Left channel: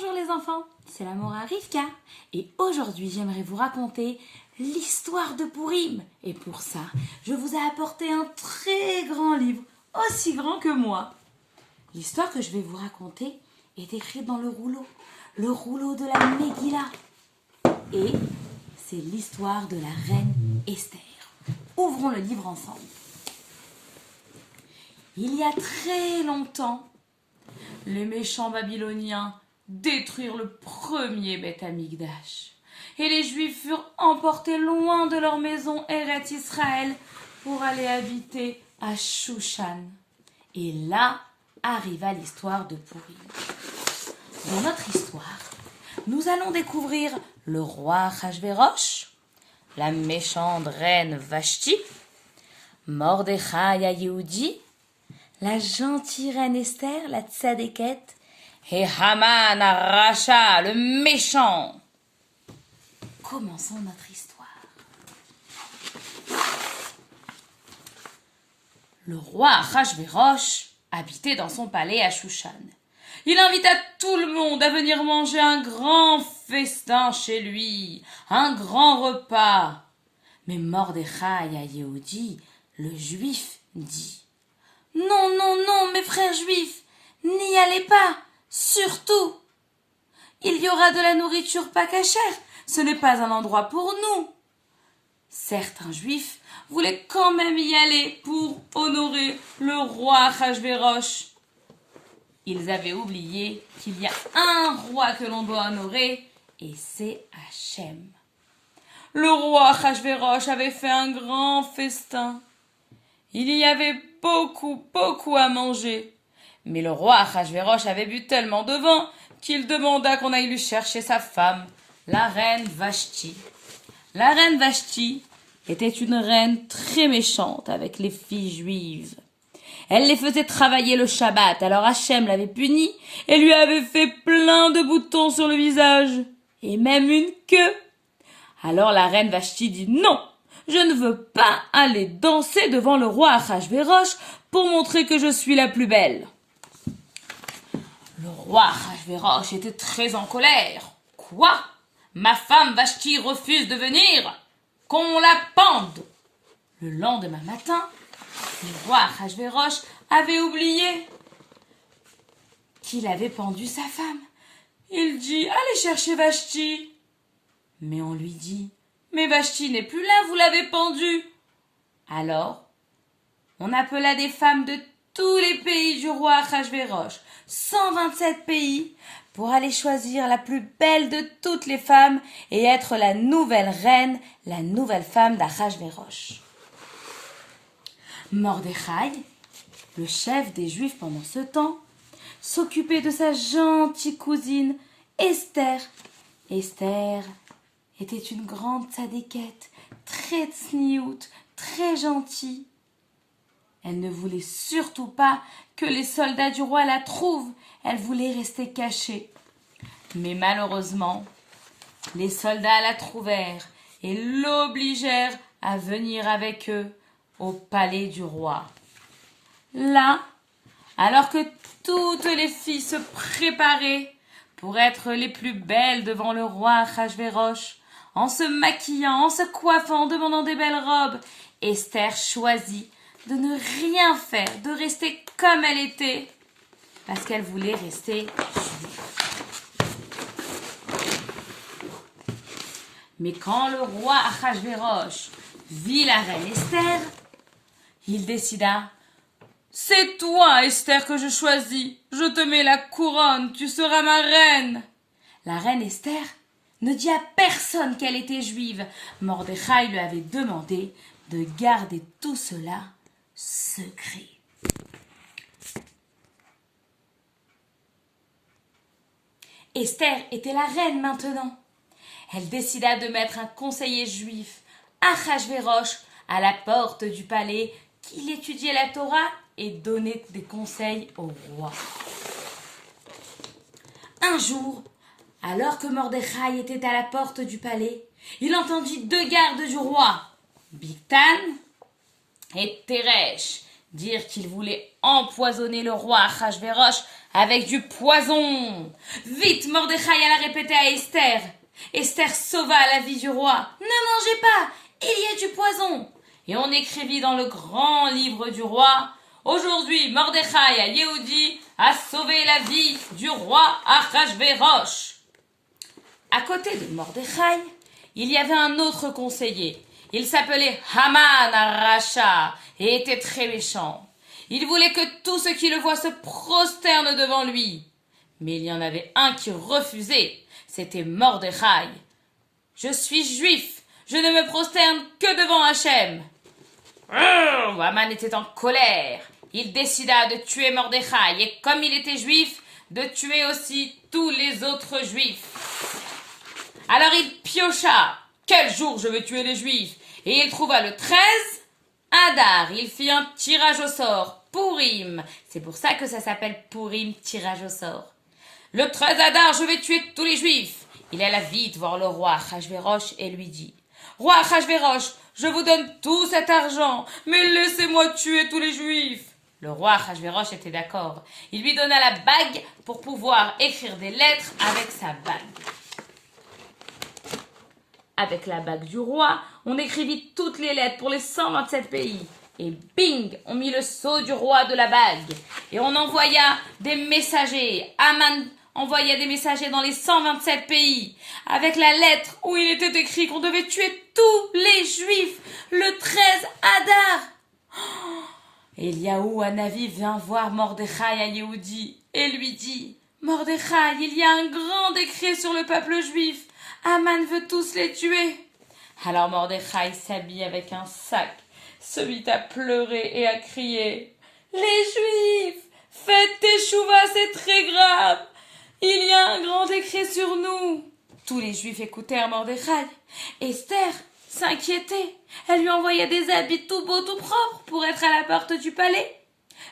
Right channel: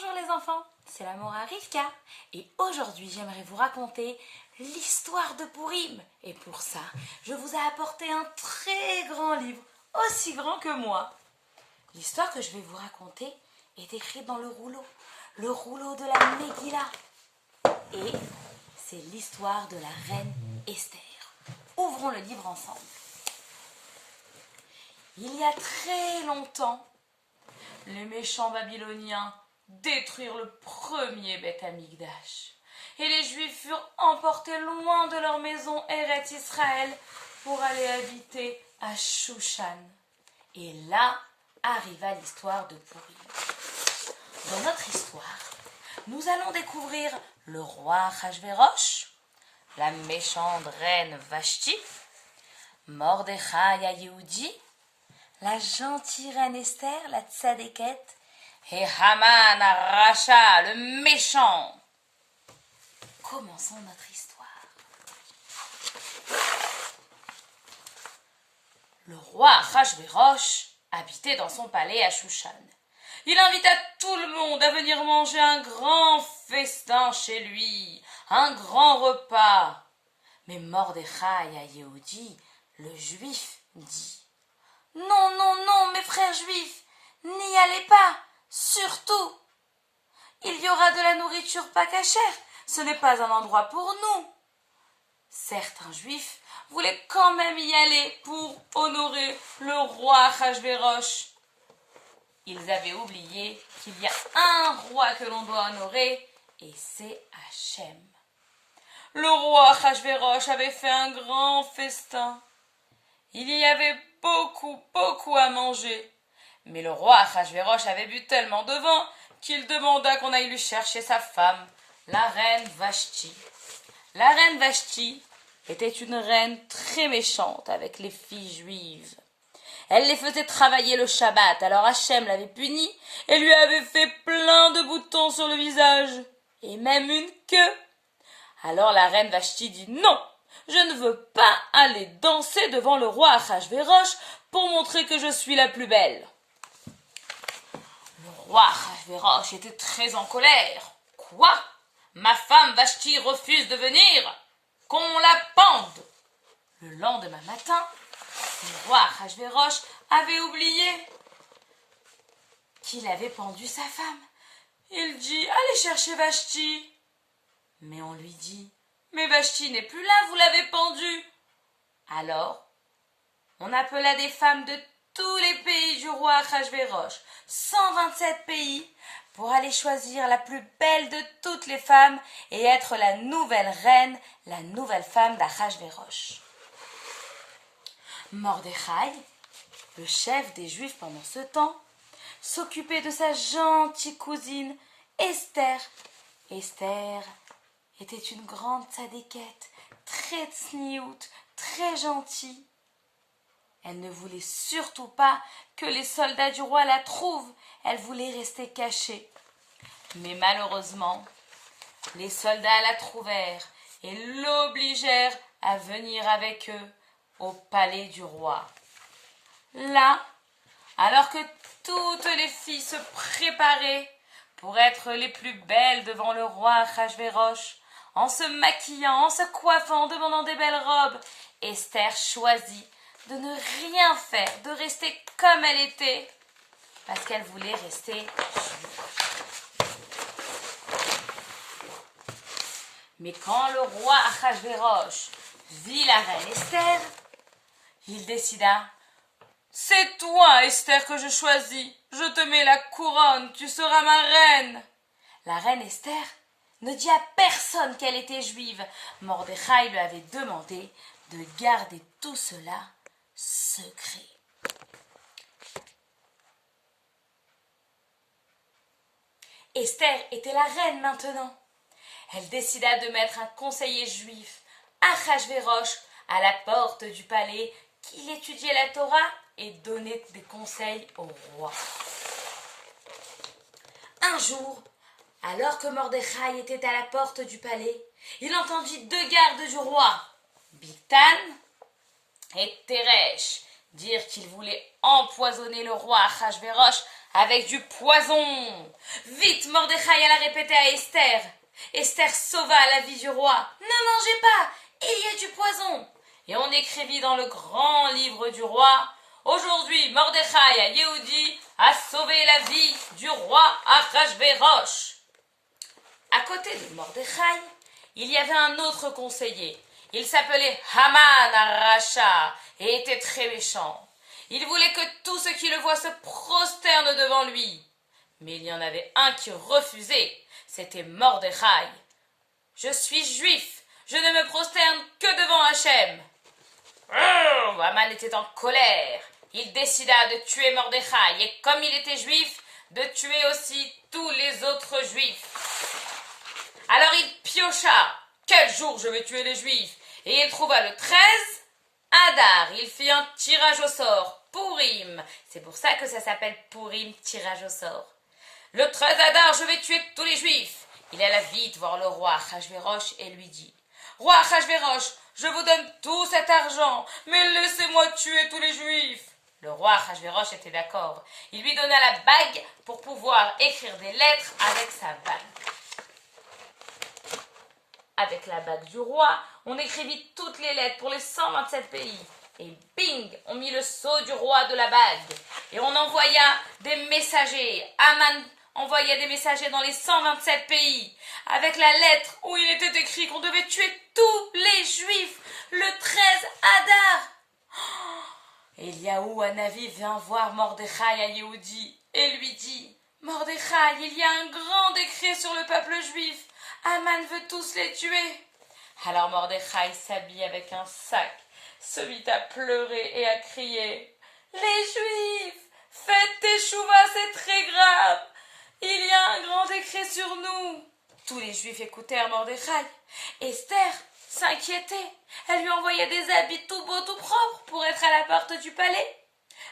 Bonjour les enfants, c'est la Mora Rivka et aujourd'hui j'aimerais vous raconter l'histoire de Pourim. Et pour ça, je vous ai apporté un très grand livre, aussi grand que moi. L'histoire que je vais vous raconter est écrite dans le rouleau de la Megillah. Et c'est l'histoire de la reine Esther. Ouvrons le livre ensemble. Il y a très longtemps, les méchants Babyloniens détruirent le premier Beth Amikdash. Et les Juifs furent emportés loin de leur maison Eretz Israël pour aller habiter à Shushan. Et là arriva l'histoire de Pourim. Dans notre histoire, nous allons découvrir le roi Achashverosh, la méchante reine Vashti, Mordechai Yehudi, la gentille reine Esther, la tzadéket, et Haman Aracha, le méchant. Commençons notre histoire. Le roi Achashverosh habitait dans son palais à Shushan. Il invita tout le monde à venir manger un grand festin chez lui, un grand repas. Mais Mordechai Yehudi, le juif, dit: Non, non, non, mes frères juifs, n'y allez pas, surtout. Il y aura de la nourriture pas cachère, ce n'est pas un endroit pour nous. Certains juifs voulaient quand même y aller pour honorer le roi Achashverosh. Ils avaient oublié qu'il y a un roi que l'on doit honorer, et c'est Hachem. Le roi Achashverosh avait fait un grand festin. Il y avait beaucoup à manger. Mais le roi Achashverosh avait bu tellement de vin qu'il demanda qu'on aille lui chercher sa femme, la reine Vashti. La reine Vashti était une reine très méchante avec les filles juives. Elle les faisait travailler le Shabbat, alors Hachem l'avait punie et lui avait fait plein de boutons sur le visage, et même une queue. Alors la reine Vashti dit: Non, je ne veux pas aller danser devant le roi Achashverosh pour montrer que je suis la plus belle. Le roi Achashverosh était très en colère. Quoi? Ma femme Vashti refuse de venir? Qu'on la pende! Le lendemain matin, le roi Achashverosh avait oublié qu'il avait pendu sa femme. Il dit: Allez chercher Vashti. Mais on lui dit: Mais Vashti n'est plus là, vous l'avez pendue. Alors, on appela des femmes de tous les pays du roi Achashverosh, 127 pays, pour aller choisir la plus belle de toutes les femmes et être la nouvelle reine, la nouvelle femme d'Achashverosh. Mordechai, le chef des Juifs pendant ce temps, s'occupait de sa gentille cousine Esther. Esther était une grande tzadéket, très tsniout, très gentille. Elle ne voulait surtout pas que les soldats du roi la trouvent. Elle voulait rester cachée. Mais malheureusement, les soldats la trouvèrent et l'obligèrent à venir avec eux au palais du roi. Là, alors que toutes les filles se préparaient pour être les plus belles devant le roi Achashverosh, en se maquillant, en se coiffant, en demandant des belles robes, Esther choisit de ne rien faire, de rester comme elle était, parce qu'elle voulait rester juive. Mais quand le roi Achashverosh vit la reine Esther, il décida: C'est toi, Esther, que je choisis. Je te mets la couronne, tu seras ma reine. La reine Esther ne dit à personne qu'elle était juive. Mordechai lui avait demandé de garder tout cela secret. Esther était la reine maintenant. Elle décida de mettre un conseiller juif, Achashverosh, à la porte du palais, qu'il étudiait la Torah et donnait des conseils au roi. Un jour, alors que Mordechai était à la porte du palais, il entendit deux gardes du roi, Bigtan et Teresh, dire qu'ils voulaient empoisonner le roi Achashverosh avec du poison. Vite, Mordechai alla répéter à Esther. Esther sauva la vie du roi. Ne mangez pas, il y a du poison. Et on écrivit dans le grand livre du roi, aujourd'hui, Mordechai Yehudi a sauvé la vie du roi Achashvérosh. À côté de Mordechai, il y avait un autre conseiller. Il s'appelait Haman Aracha et était très méchant. Il voulait que tous ceux qui le voient se prosternent devant lui. Mais il y en avait un qui refusait. C'était Mordechai. Je suis juif. Je ne me prosterne que devant Hachem. Haman était en colère. Il décida de tuer Mordechai et comme il était juif, de tuer aussi tous les autres juifs. Alors il piocha. Quel jour je vais tuer les juifs? Et il trouva le 13 Adar. Il fit un tirage au sort. Purim. C'est pour ça que ça s'appelle Purim, tirage au sort. Le 13 Adar, je vais tuer tous les juifs. Il alla vite voir le roi Achashvérosh et lui dit, Roi Achashvérosh, je vous donne tout cet argent, mais laissez-moi tuer tous les juifs. Le roi Achashvérosh était d'accord. Il lui donna la bague pour pouvoir écrire des lettres avec sa bague. Avec la bague du roi, on écrivit toutes les lettres pour les 127 pays. Et bing, on mit le sceau du roi de la bague. Et on envoya des messagers. Haman envoya des messagers dans les 127 pays. Avec la lettre où il était écrit qu'on devait tuer tous les juifs. Le 13 Adar. Eliaou Hanavi vint voir Mordechai à Yehudi et lui dit, Mordechai, il y a un grand décret sur le peuple juif. Haman veut tous les tuer. Alors Mordechai s'habille avec un sac, se mit à pleurer et à crier. Les Juifs, faites teshuva, c'est très grave. Il y a un grand décret sur nous. Tous les Juifs écoutèrent Mordechai. Esther s'inquiétait. Elle lui envoyait des habits tout beaux, tout propres pour être à la porte du palais.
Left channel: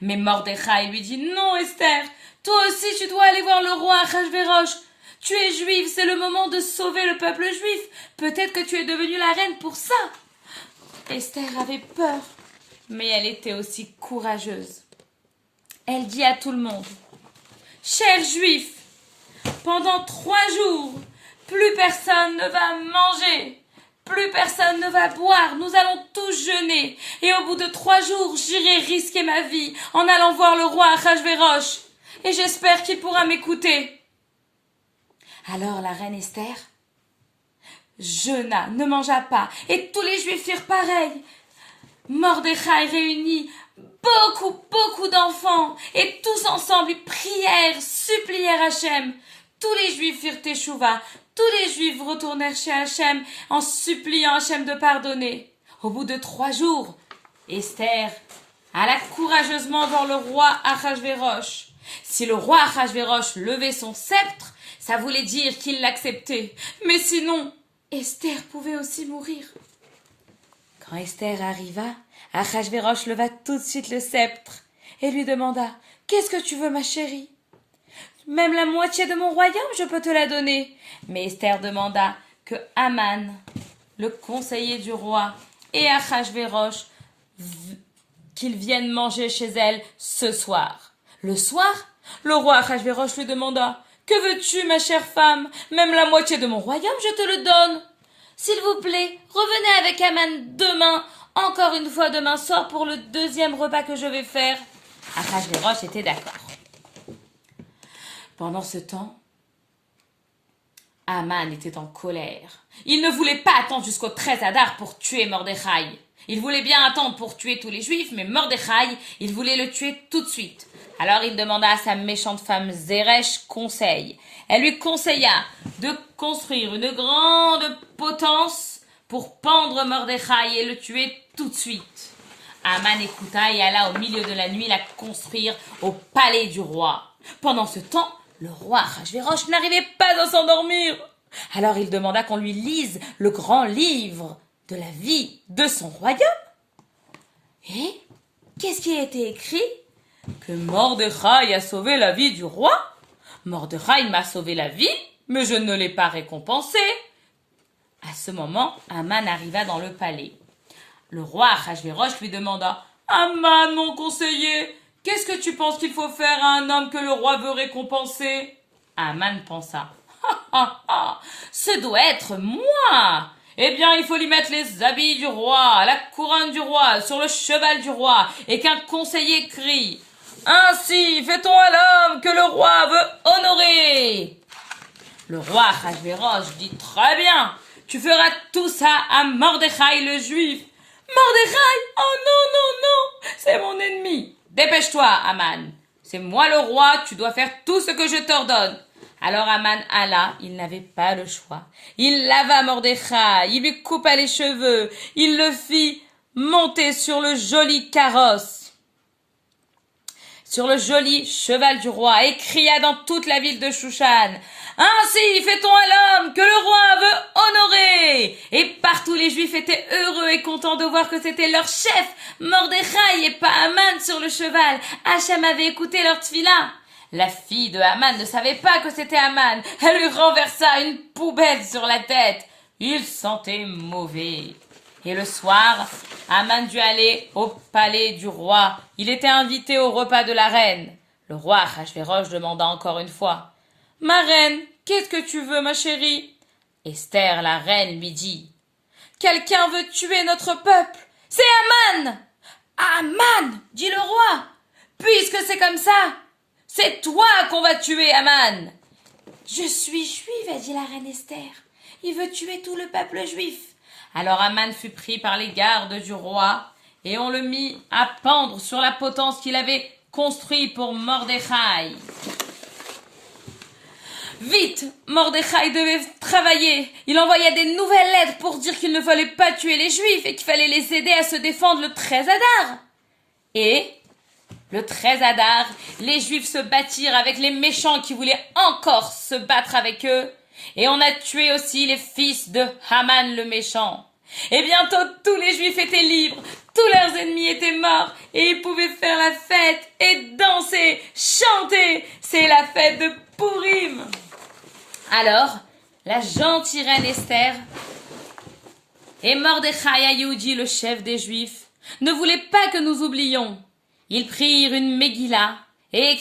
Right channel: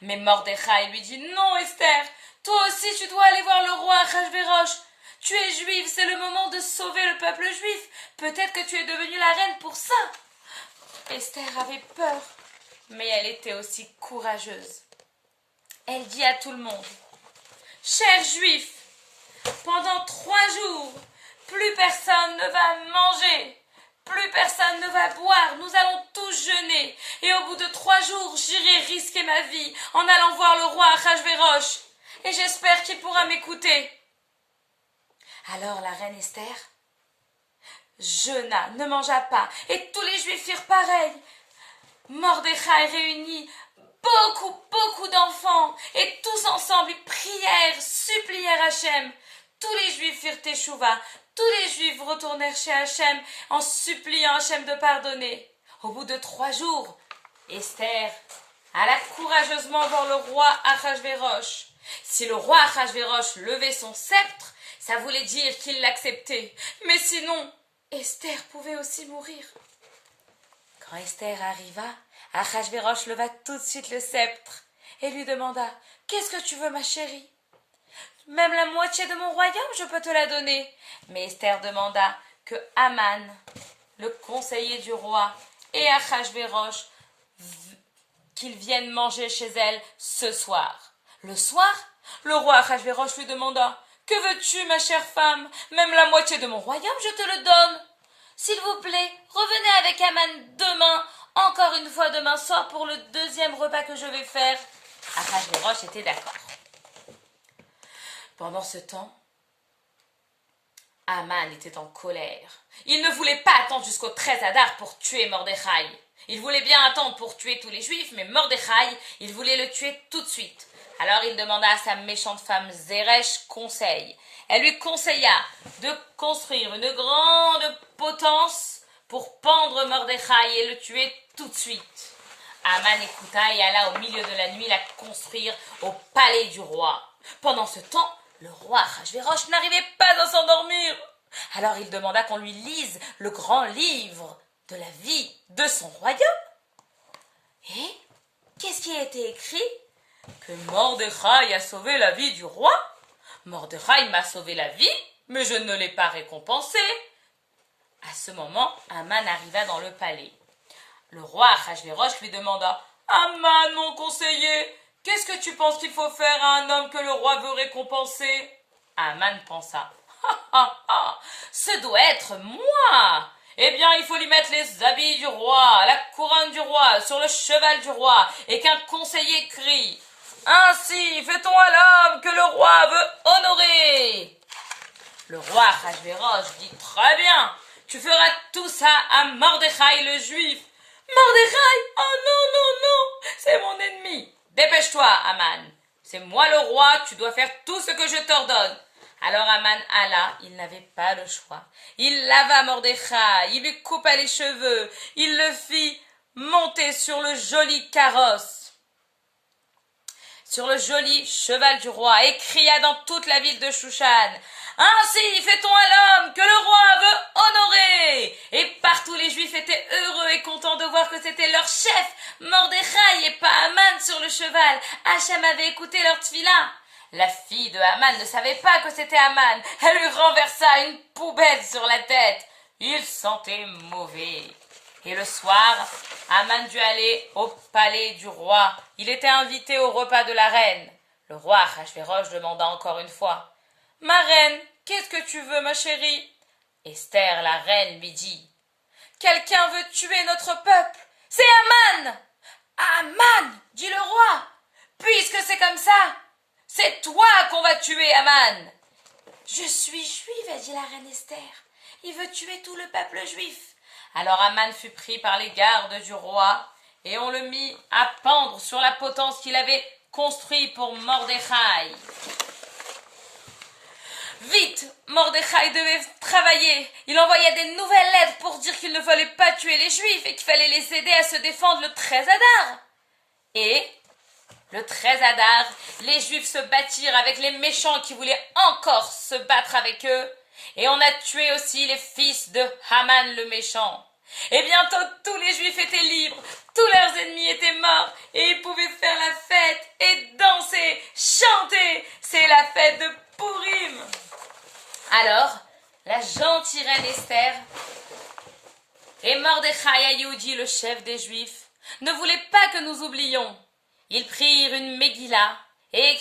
Mais Mordechai lui dit, non Esther, toi aussi tu dois aller voir le roi Achashvérosh. Tu es juive, c'est le moment de sauver le peuple juif. Peut-être que tu es devenue la reine pour ça. Esther avait peur, mais elle était aussi courageuse. Elle dit à tout le monde, chers juifs, pendant 3 jours, plus personne ne va manger, plus personne ne va boire, nous allons tous jeûner. Et au bout de 3 jours, j'irai risquer ma vie en allant voir le roi Achashvérosh. Et j'espère qu'il pourra m'écouter. Alors la reine Esther jeûna, ne mangea pas, et tous les Juifs firent pareil. Mordechai réunit beaucoup d'enfants, et tous ensemble ils prièrent, supplièrent Hachem. Tous les Juifs firent teshuva, tous les Juifs retournèrent chez Hachem en suppliant Hachem de pardonner. Au bout de 3 jours, Esther alla courageusement voir le roi Achashvérosh. Si le roi Achashvérosh levait son sceptre, ça voulait dire qu'il l'acceptait. Mais sinon, Esther pouvait aussi mourir. Quand Esther arriva, Achashvérosh leva tout de suite le sceptre et lui demanda « Qu'est-ce que tu veux, ma chérie ?»« Même la moitié de mon royaume, je peux te la donner. » Mais Esther demanda que Haman, le conseiller du roi, et Achashvérosh, qu'ils viennent manger chez elle ce soir. Le soir, le roi Achashvérosh lui demanda « Que veux-tu, ma chère femme? Même la moitié de mon royaume, je te le donne. S'il vous plaît, revenez avec Haman demain, encore une fois demain soir pour le 2e repas que je vais faire. » Achashvérosh était d'accord. Pendant ce temps, Haman était en colère. Il ne voulait pas attendre jusqu'au 13 Adar pour tuer Mordechai. Il voulait bien attendre pour tuer tous les Juifs, mais Mordechai, il voulait le tuer tout de suite. Alors il demanda à sa méchante femme Zeresh conseil. Elle lui conseilla de construire une grande potence pour pendre Mordechai et le tuer tout de suite. Haman écouta et alla au milieu de la nuit la construire au palais du roi. Pendant ce temps, le roi Achashvérosh n'arrivait pas à s'endormir. Alors il demanda qu'on lui lise le grand livre de la vie de son royaume. Et qu'est-ce qui a été écrit? Que Mordechai a sauvé la vie du roi. Mordechai m'a sauvé la vie, mais je ne l'ai pas récompensé. À ce moment, Haman arriva dans le palais. Le roi Achashvérosh lui demanda « Haman, mon conseiller, qu'est-ce que tu penses qu'il faut faire à un homme que le roi veut récompenser? Aman pensa. Ce doit être moi. Eh bien, il faut lui mettre les habits du roi, la couronne du roi, sur le cheval du roi, et qu'un conseiller crie. Ainsi fait-on à l'homme que le roi veut honorer. Le roi Achashvérosh dit très bien, tu feras tout ça à Mordechai le juif. Mordechai, oh non, non, non, c'est mon ennemi. Dépêche-toi, Aman. C'est moi le roi, tu dois faire tout ce que je t'ordonne. Alors Aman alla, il n'avait pas le choix. Il lava Mordechai, il lui coupa les cheveux, il le fit monter sur le joli carrosse, sur le joli cheval du roi, et cria dans toute la ville de Shushan. Ainsi fait-on à l'homme que le roi veut honorer. Et partout les Juifs étaient heureux et contents de voir que c'était leur chef, Mordechai, et pas Aman sur le cheval. Hacham avait écouté leur tfila. La fille de Haman ne savait pas que c'était Haman. Elle lui renversa une poubelle sur la tête. Il sentait mauvais. Et le soir, Haman dut aller au palais du roi. Il était invité au repas de la reine. Le roi Achashvérosh demanda encore une fois. « Ma reine, qu'est-ce que tu veux, ma chérie ?» Esther, la reine, lui dit. « Quelqu'un veut tuer notre peuple. C'est Haman !»« Haman !» dit le roi. « Puisque c'est comme ça, c'est toi qu'on va tuer, Haman. »« Je suis juive, a dit la reine Esther. Il veut tuer tout le peuple juif. » Alors Haman fut pris par les gardes du roi, et on le mit à pendre sur la potence qu'il avait construite pour Mordechai. Vite, Mordechai devait travailler. Il envoya des nouvelles lettres pour dire qu'il ne fallait pas tuer les Juifs et qu'il fallait les aider à se défendre le 13 Adar. Et le 13 Adar, les Juifs se battirent avec les méchants qui voulaient encore se battre avec eux. Et on a tué aussi les fils de Haman le méchant. Et bientôt tous les Juifs étaient libres, tous leurs ennemis étaient morts, et ils pouvaient faire la fête et danser, chanter. C'est la fête de Pourim. Alors, la gentille reine Esther et Mordechai Ayoudi, le chef des Juifs, ne voulaient pas que nous oublions. Ils prirent une Megillah et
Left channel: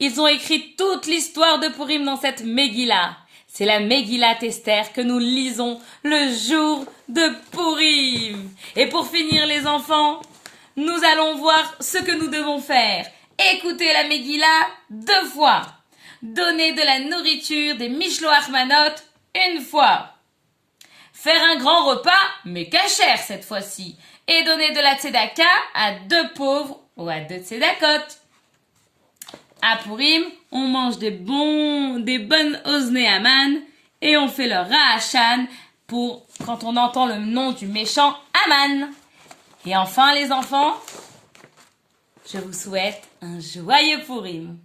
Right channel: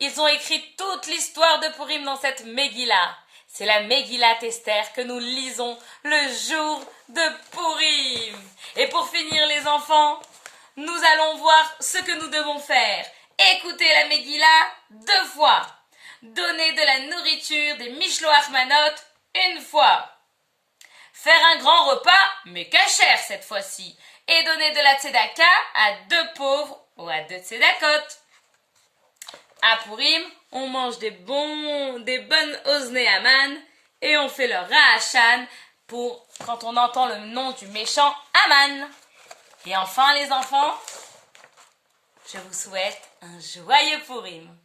ils ont écrit toute l'histoire de Pourim dans cette Megillah. C'est la Megillat Esther que nous lisons le jour de Pourim. Et pour finir, les enfants, nous allons voir ce que nous devons faire. Écoutez la Megillah 2 fois. Donner de la nourriture, des Mishloach Manot 1 fois. Faire un grand repas, mais kasher cette fois-ci. Et donner de la tzedaka à 2 pauvres ou à 2 tzedakot. À Pourim, on mange des bonnes Oznei Haman et on fait le Ra'ashan pour quand on entend le nom du méchant Haman. Et enfin les enfants, je vous souhaite un joyeux Pourim.